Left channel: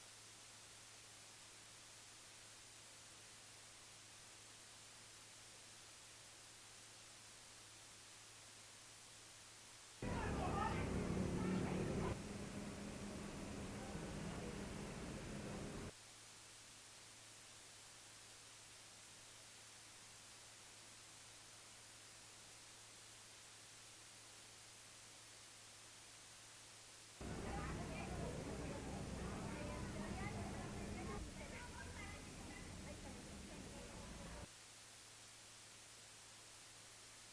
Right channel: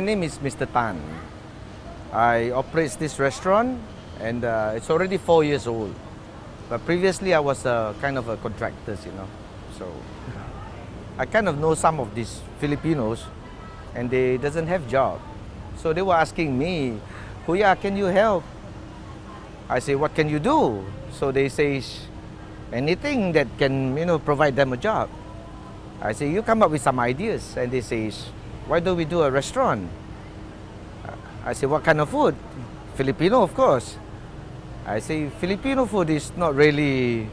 my name is Mr. Tan. I operate this restaurant and it's already 4 years old. But previously I was kind of a contractor, So I kind of know some of these Filipinos and they doesn't have job. So they were asking me, Kuya, can you help? I say, what can you do? So they say, anything that can, provide them a job. I say, you come up with some ideas. And they say, why don't we do a restaurant? I say, what kind of food? Filipino, of course. I say, Filipino food is not really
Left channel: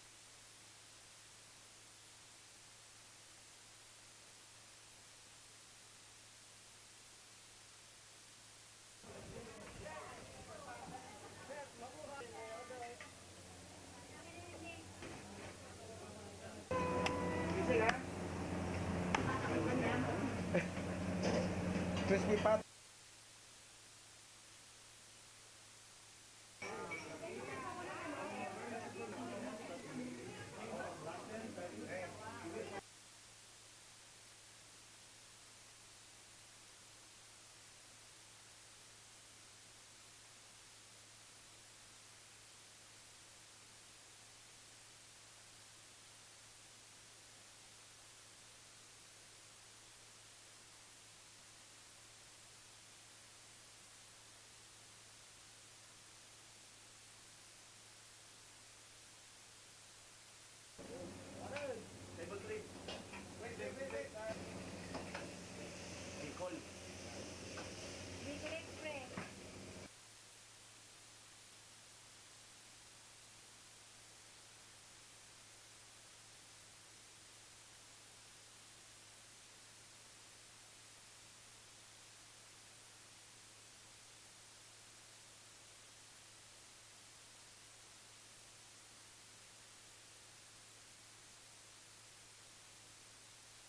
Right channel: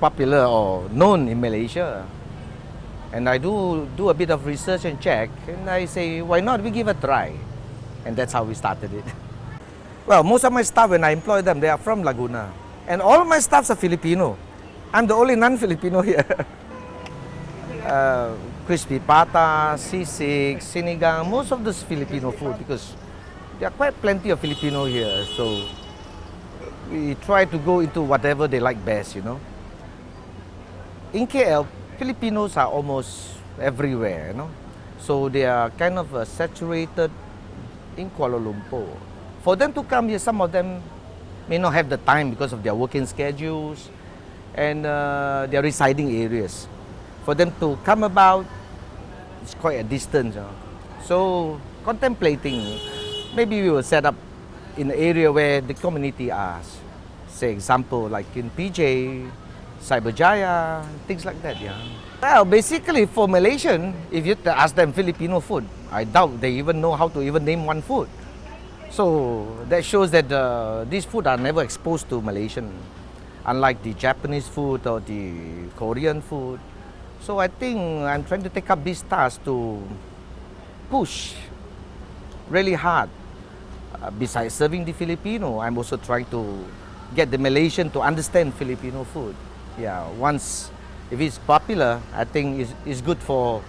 popular or known in Malaysia. And I do a bit of research and check, and I say, why not we give a try? And that's how we started it. Well, most of my staff, when I employ them, they are from Laguna. And all of my staffs are Filipino. I'm the only non-Filipino here. Crispy pata, sisig, sinigang, most of this Filipino food because there are quite plenty of Filipino here. So we try to go into whatever they like best, In KL, Filipinos are almost everywhere, So they are kind of saturated in Kuala Lumpur. For them to come here, some of them may not have the time because of their working schedules and their residing areas. For them to come about, it's quite a distance. So contemplating, maybe we will set up in an area where the community are. Say example, like in PJ, Cyberjaya, things like that, Well, basically for Malaysian, if you ask them Filipino food, I doubt they even know how to even name one food. So that shows that these food are never exposed to Malaysian, unlike the Japanese food or the Korean food. So I think I'm trying to take up this task to push really hard. Besides serving the Filipino, I'm also trying to get the Malaysian to understand Filipino food. Once, if it's popular, I think it's good for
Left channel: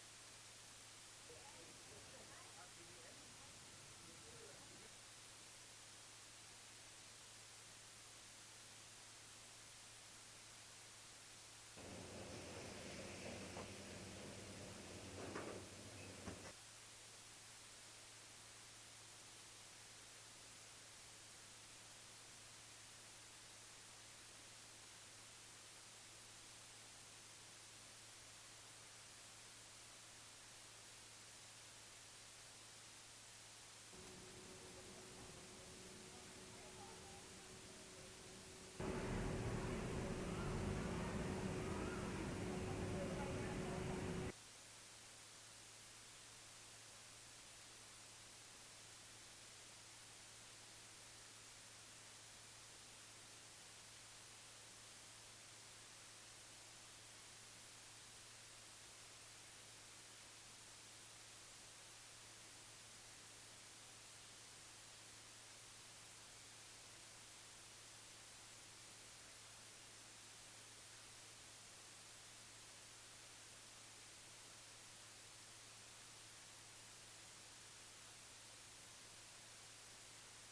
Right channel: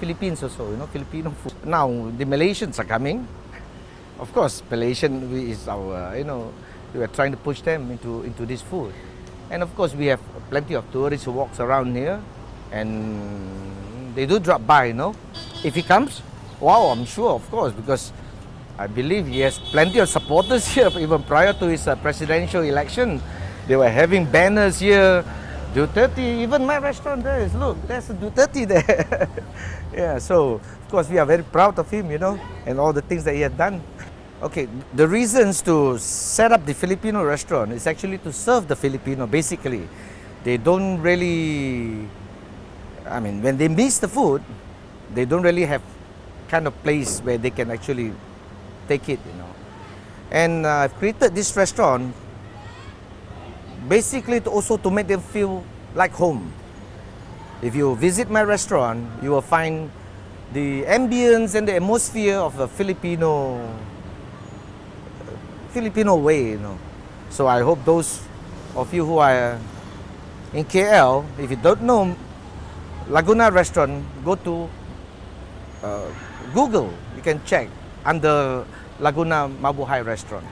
Philippines also, Filipino food. Now, the Malaysians are coming. Of course, Malaysian is our, we are trying to push them into this food. And of course, we have plenty of tourists who walks around here and they do drop by, If he comes, wow, I'm sure, of course, because I believe he has plenty of supporters here, even prior to his presidential election. They were having banners here, Duterte, even my restaurant there is, look, there's a Duterte there. So, of course, we are very proud of him, and all the things that he had done. Okay, the reasons to set up the Filipino restaurant is actually to serve the Filipino, basically. They don't really, when they miss the food, they don't really have kind of place where they can actually take it, And I've created this restaurant basically to make them feel like home. If you visit my restaurant, you will find the ambience and the atmosphere of a Filipino way, So I hope those of you who are in KL, if you don't know Laguna Restaurant, go to Google. You can check under Laguna Mabuhay Restaurant.